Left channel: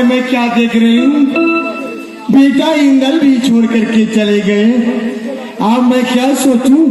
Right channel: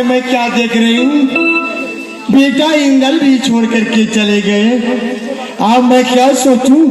पर मैं क्या देख रही हूँ, बेटा इंदल भी छोड़ करके चले गए। अब मैं क्या सोचूं,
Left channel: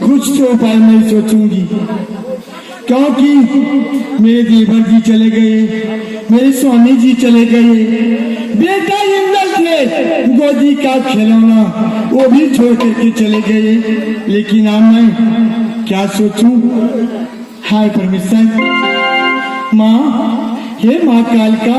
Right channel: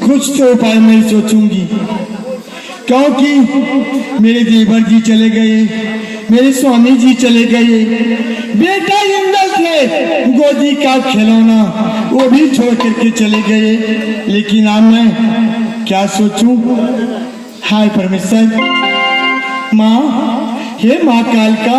कुछ तो उपाय मैं सोचूंगी, क्योंकि मेरे देवर जी चले गए, मेरे स्वामी जी चले गए, बेटा इंदल थे गोदी का खिलौना वो भी छोड़ करके चले गए। लेकिन अब मैं क्या सोचूं। हाय परमेश्वर, माँ, हे माँ कालिका,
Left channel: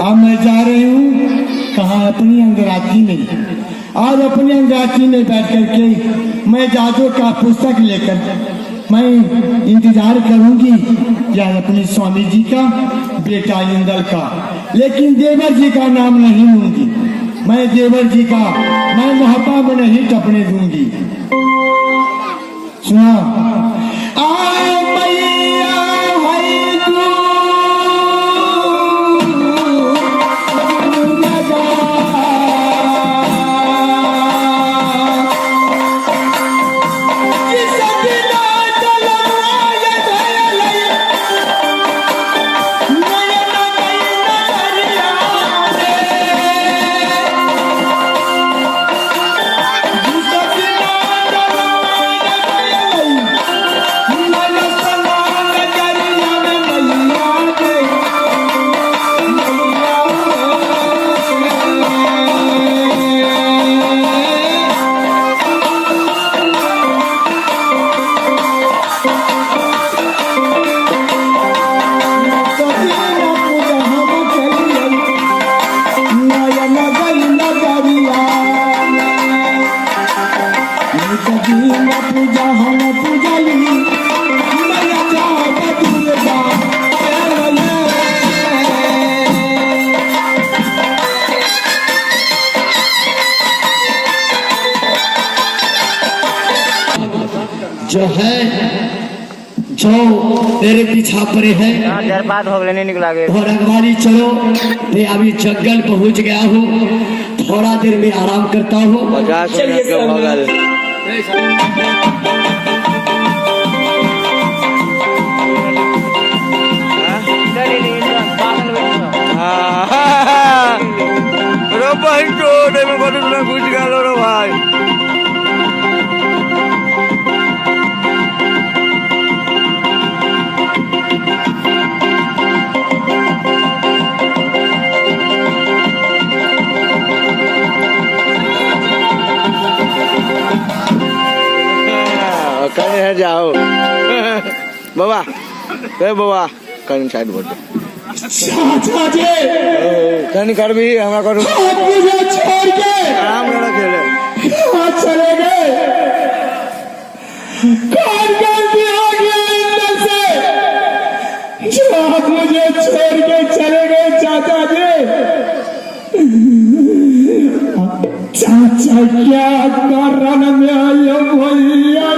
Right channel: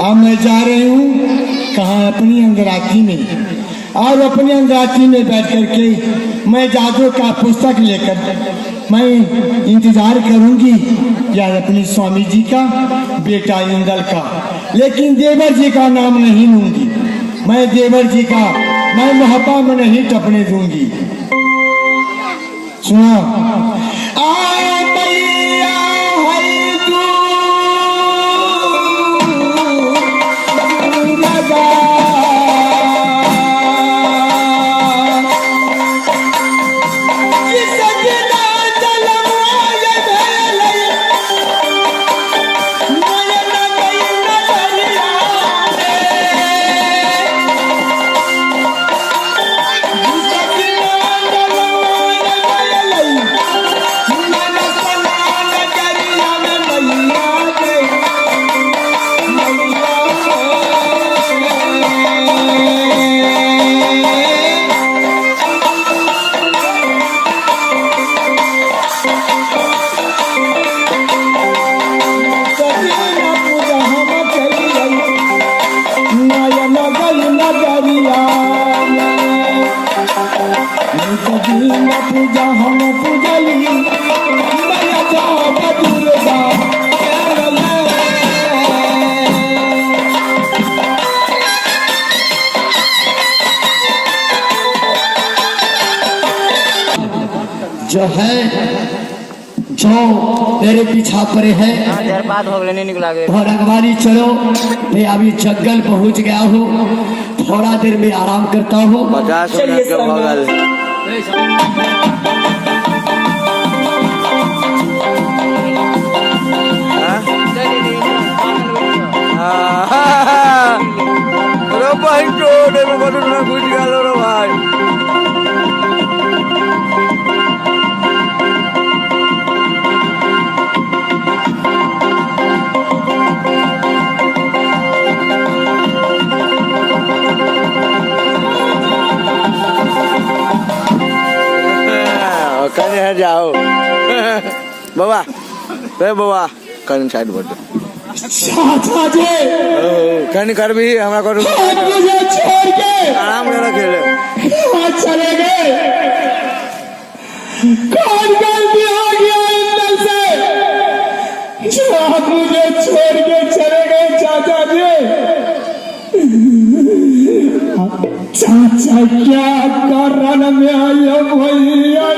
अब मैं जा रही हूँ कहाँ, अपनी अंगराती में। और अपनी अंगराती में बैठ करके मैं जादू का पुस्तक लेकर मैं इंतजार करूंगी या अपनी स्वामी जी का, बेटा इंदल का, लेकिन देवर जी का नाम नहीं लूंगी। मैं देवर जी का मैं महापा में नहीं टपने दूंगी। सुना, जो है जो तेरे पीछा पड़े है थोड़ा हमारी चलो। मैं अभी जंगल पहुंच गया हूँ, थोड़ा देर में आराम करता हूँ। 50 मिनट का भोगल रो भाई को मैं बोलूँ ना कुछ गालो रो भाई। कहीं है जाओ बाबा, बाबा कहीं साइड बोल दो कहीं कर भी हमारा करो आराम करो खेले चले गए। कौन गलती हो गया इंदल से जो आप मुझे छोड़ के चले गए चाचा जी। चाचा क्या कारण में आयो भैया,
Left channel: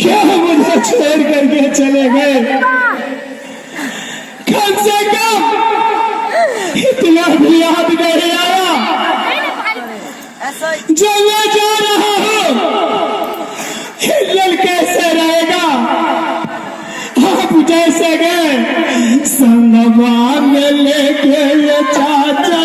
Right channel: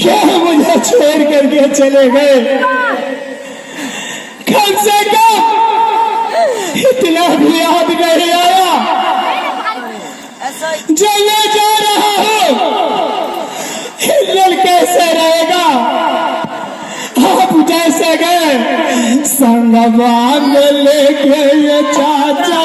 क्यों मुझे छोड़ करके चले गए? कम से कम इतना भी याद नहीं आया जो मैं जा रहा हूँ हिल्लल कैसे रहेगा? आप जैसे गए संगवा में लेके ये चाचा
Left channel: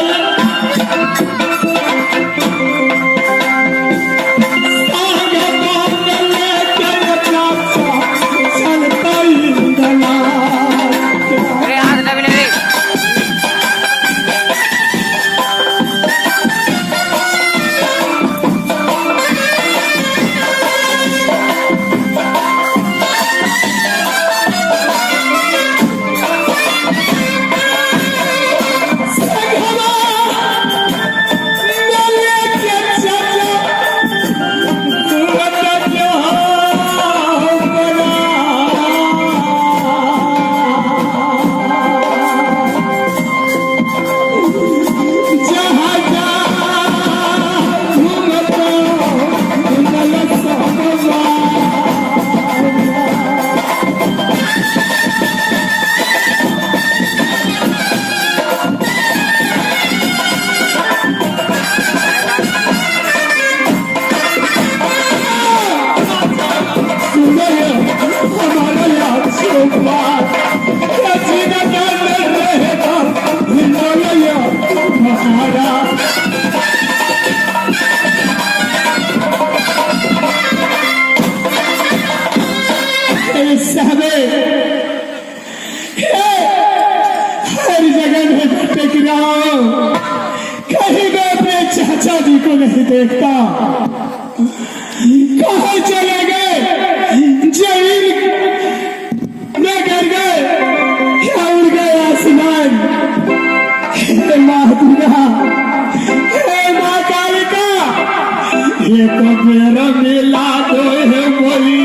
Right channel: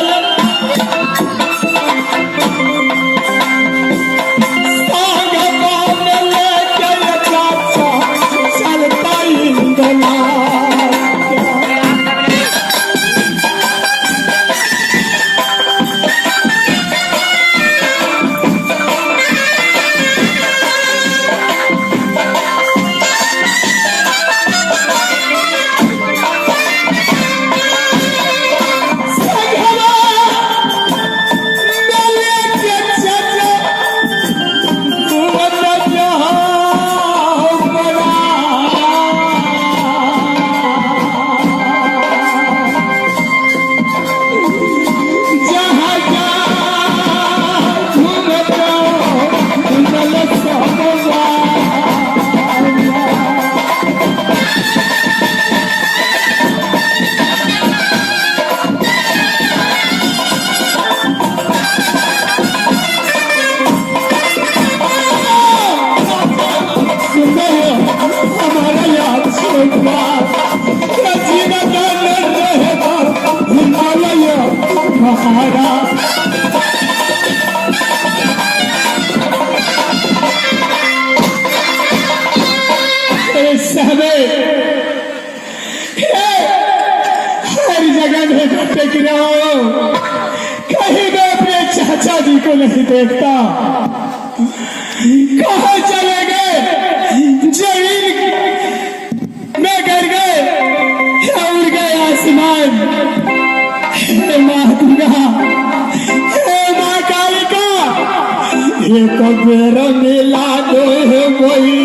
हर जगह में भटक रहा हूं, कहीं मैं अपने चाचा जी को नहीं देखता। कहाँ चले गए? जमीन में गिर गए या उड़ गए आसमान? हे माँ दुर्गा, हे माँ कालिका, ये तो मेरा मिला दो है वही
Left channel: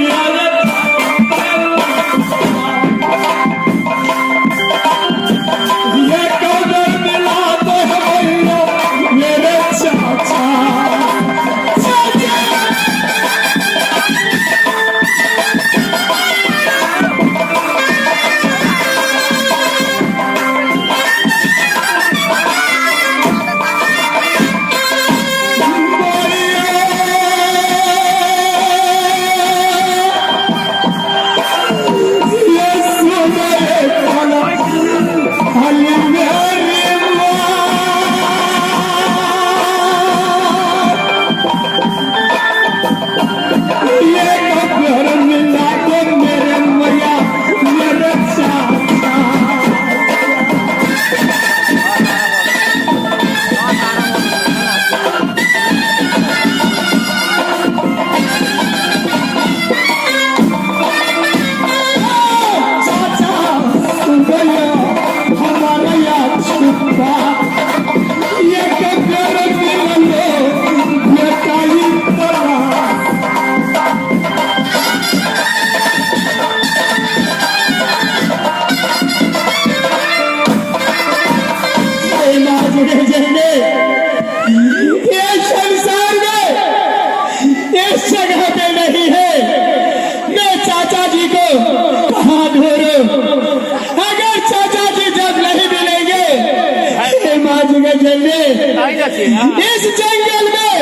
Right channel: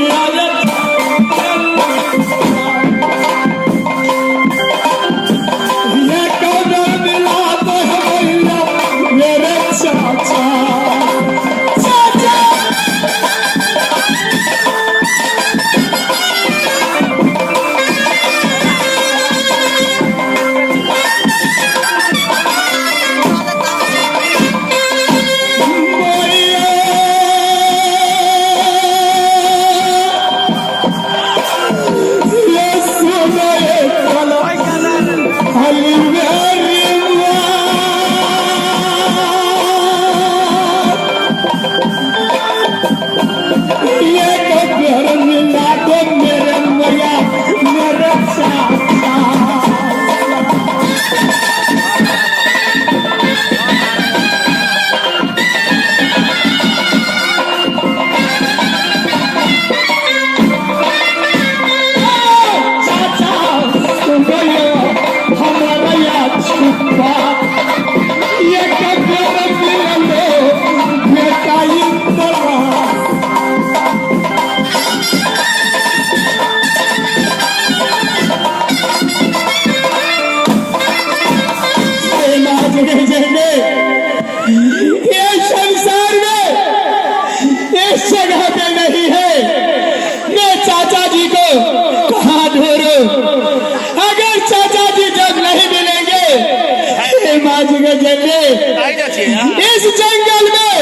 इस जंगल में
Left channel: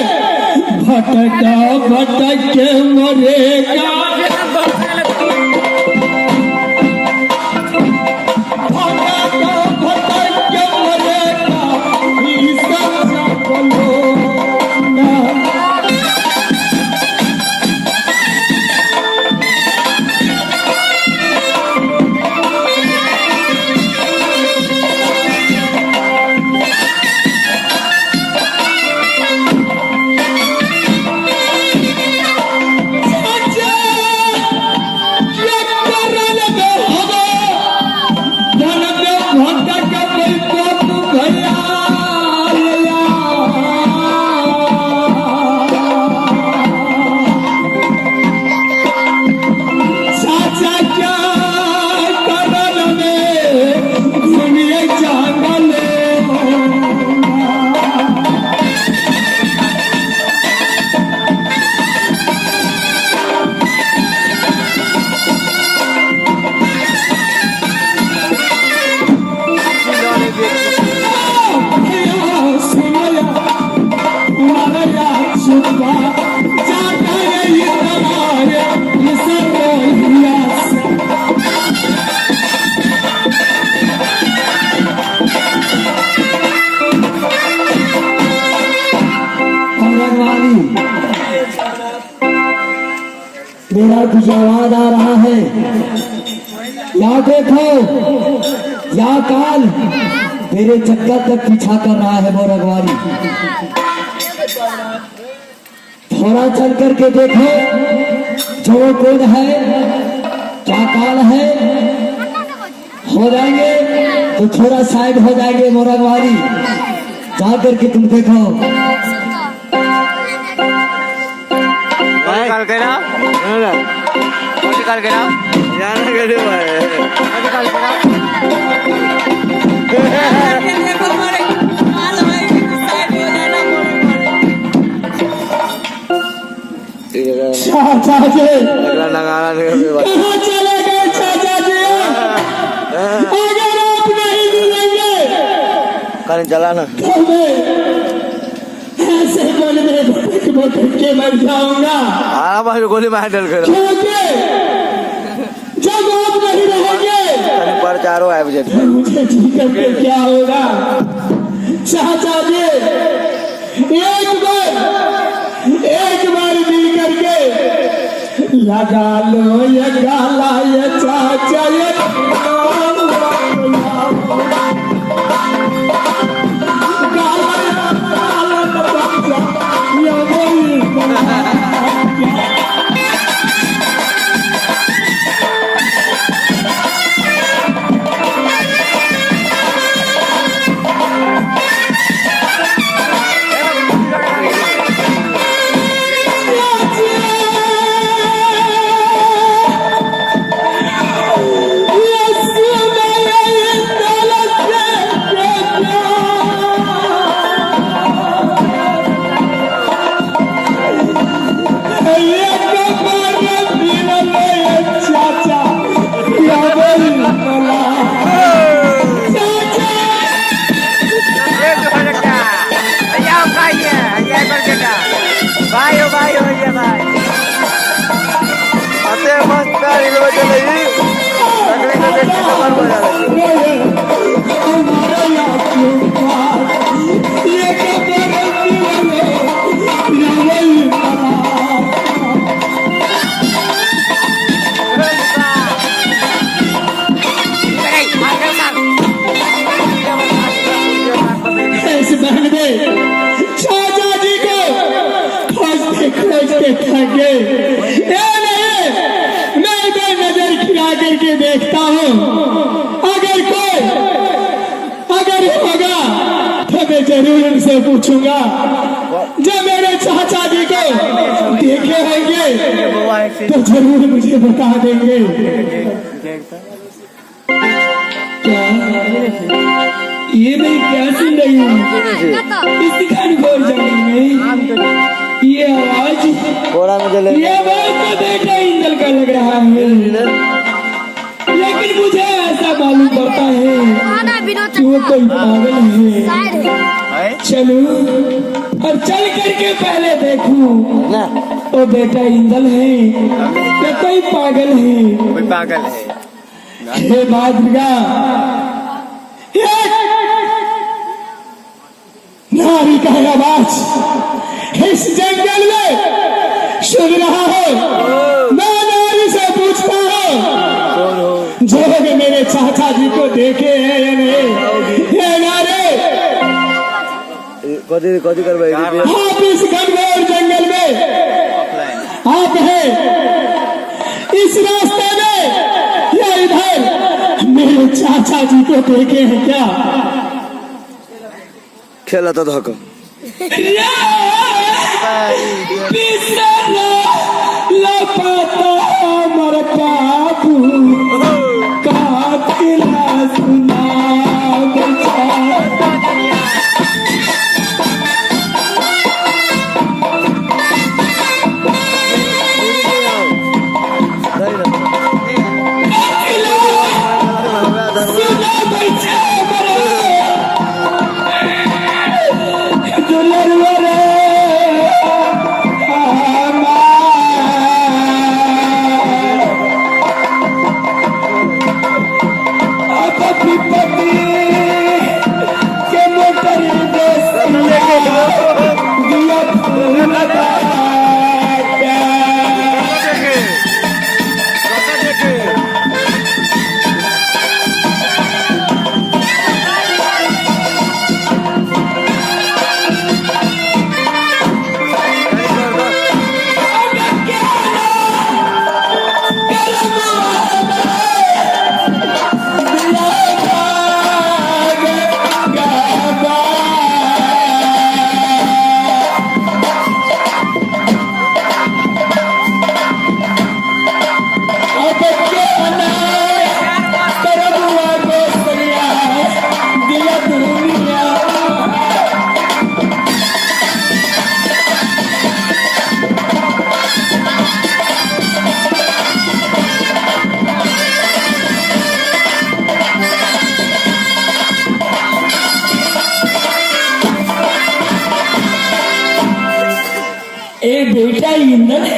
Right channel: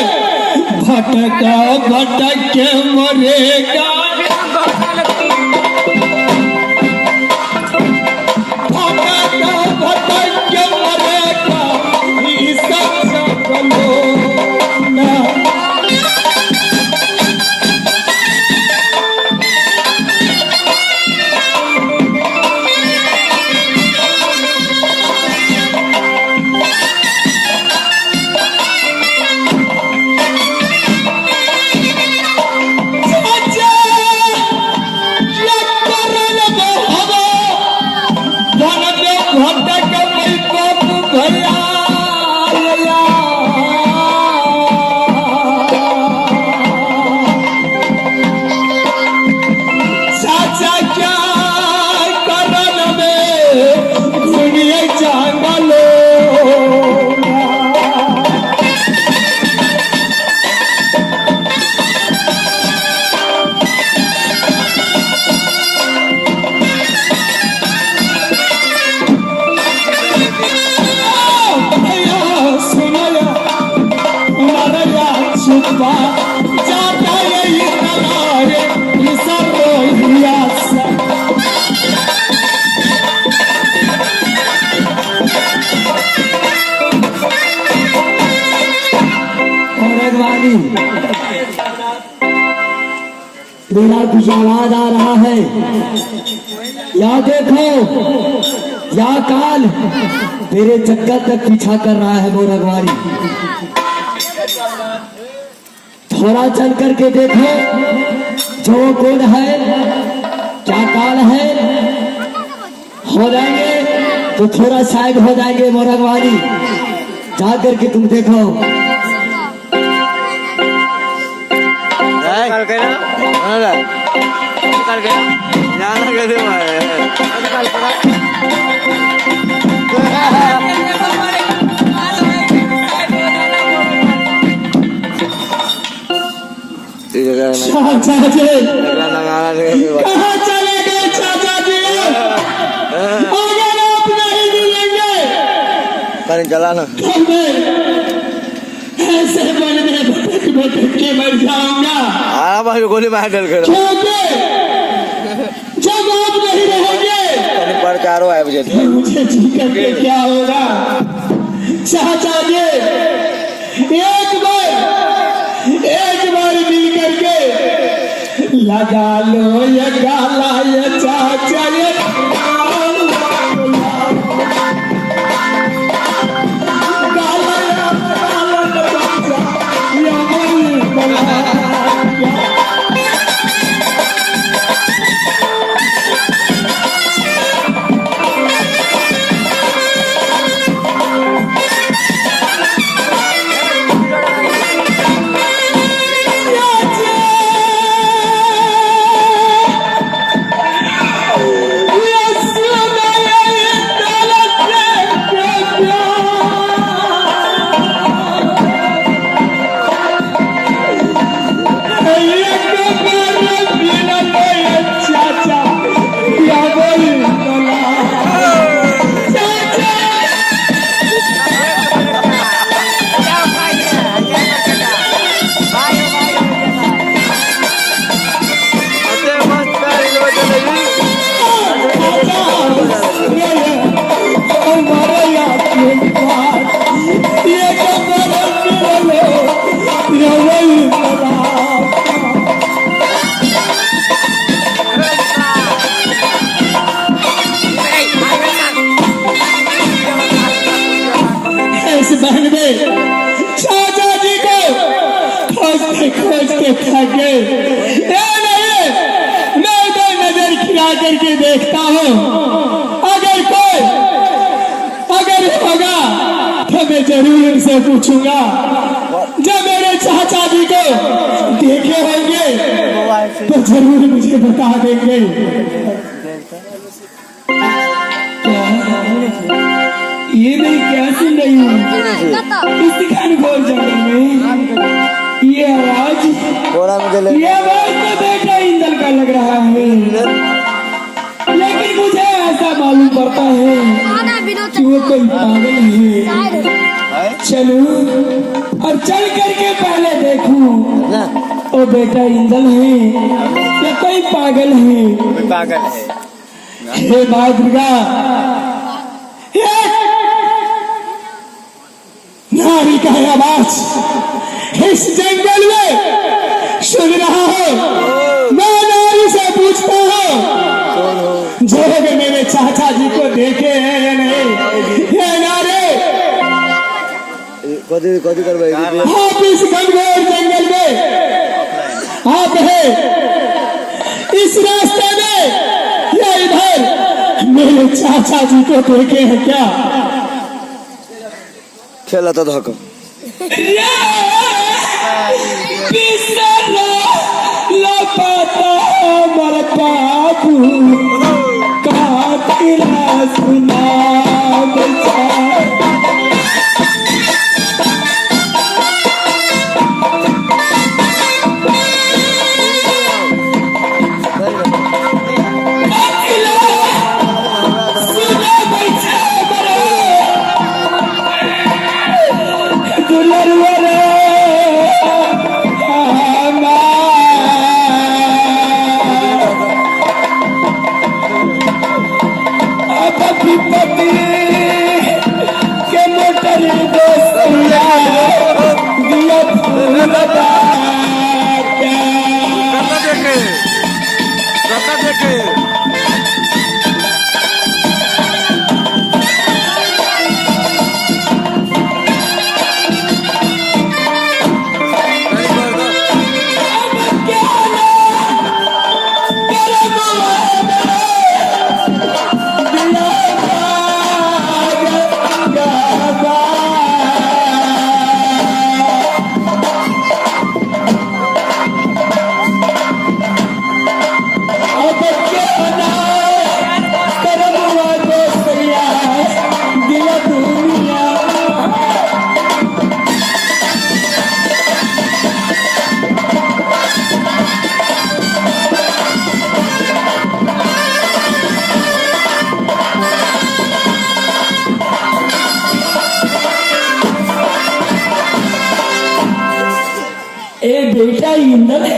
भटक भटक के मरेगा। मेरा कुछ आवाज आ रहा है, या देखो या काल मेरे चक्कर तक पीछा कर रहा है वो रखवारी। थोड़ा चल करके देखो जो कौन है, क्या काल है, हो जाएंगे तो थोड़ा साइड हो जाएंगे मोरगवारी। जा करके तुम देखो। जाना कैसे चाचा जी लगाना कहाँ चले गए चाचा जी? अगर आप नहीं मिलेंगे कहीं चला ना तो मैं ऐसे मन में भटक भटक के मर जाऊंगा। हाँ भाई गोली मार डर कर क्योंकि जब आप नहीं रहेंगे कहीं पर चारों आए बजे तो मुझे जी करके क्या होगा? चाचा जी एक बार मिल करके लगा लो ये गाला ये चाचा ये चाचा जी को खोज के थक गए। मैं इधर नजर खिला करके देखता हूँ, अगर होगा तो मैं जरूर उनसे पूछूंगा। जब मेरे चाचा जी को देखे होंगे तो जरूर मुझे बता देंगे। ये मैं क्या सुन रही हूँ इस घनघोर जंगल में? ये आवाज तो बेटा इंदल का लग रहा है, लेकिन मुझे ऐसा मालूम पड़ता है कि वो कोई पागल है। चलूं और चल करके पहले देखूं तो बेटा इंदल है या कोई पागल है। हे माँ दुर्गा, नारी का आवाज इस जंगल में सुन रहा हूँ। मैं नारी से पूछता हूँ जो भी मेरे चाचा जी को देखे हैं या नहीं। ये नारे कदी करवाई आप इस घनघोर जंगल में आप है, इस रास्ते में या इधर मेरे चाचा जी को देखे हैं क्या? खेला तो धोखा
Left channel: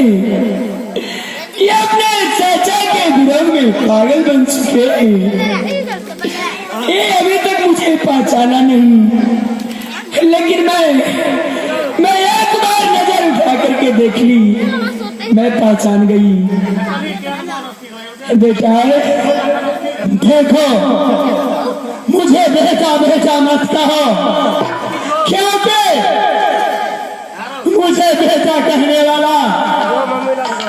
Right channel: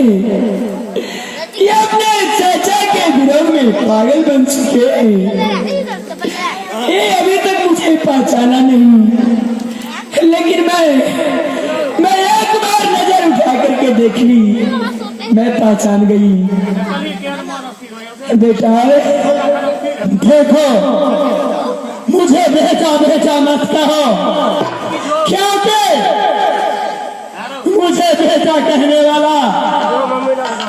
ये अपने चाचा के विरोध में पागल बन चुके हैं। ये अभी तक मुझे पहचाना नहीं, लेकिन मैं एक बार नजर उठा करके देख ली, मैं पहचान गई। बेटा देखो, मुझे बेटा बेटा मत कहो, क्योंकि मुझे बेटा कहने वाला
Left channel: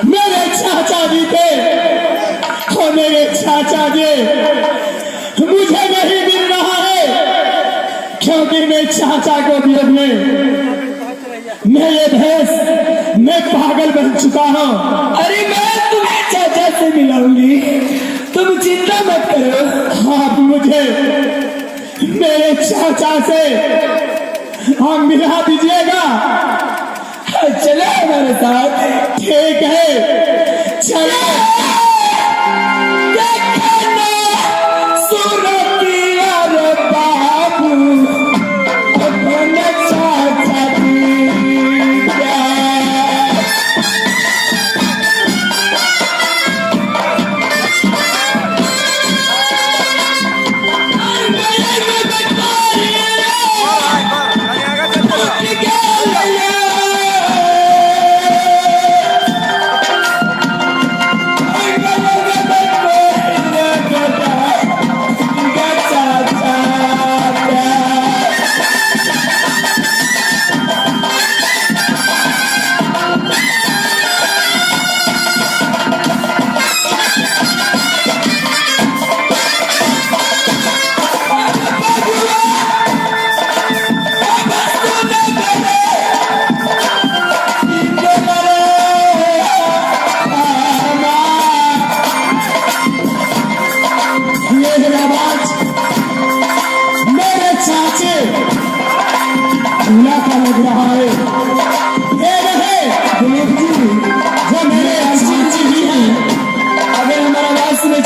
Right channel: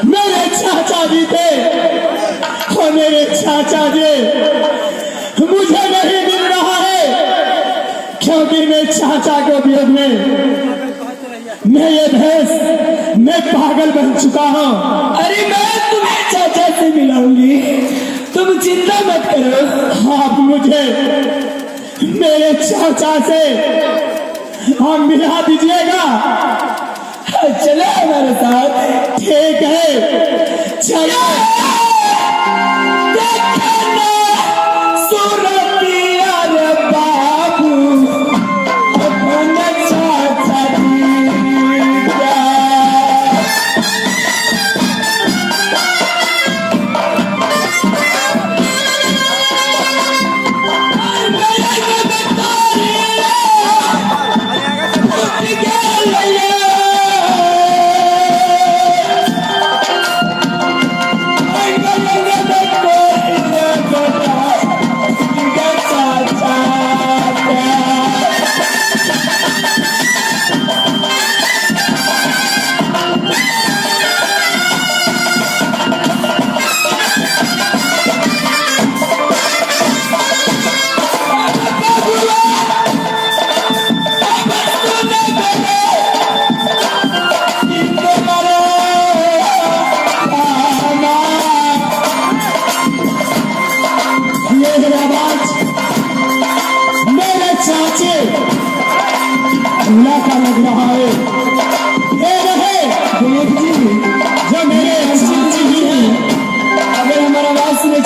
मेरे चाचा जी थे, और मेरे चाचा जी मुझे नहीं मिल रहा है, क्योंकि मैं चाचा को भी अपने मेरे भेष मैं पागल बन चुका हूँ। अरे मैं तुम्हें चाचा से मिलाऊंगी, तुम चिंता मत करो। आप मुझे मेरे चाचा से आप मिला दीजिएगा। चले हमारे साथ। ठीक है, चलो। देखना सूरतिया रे बाबू, अपना चाचा दीजा। चूल्हा का लग रहा है। ये रहे देव जी, जो मेरे चाची ही हैं। अगर हमारा बात सुने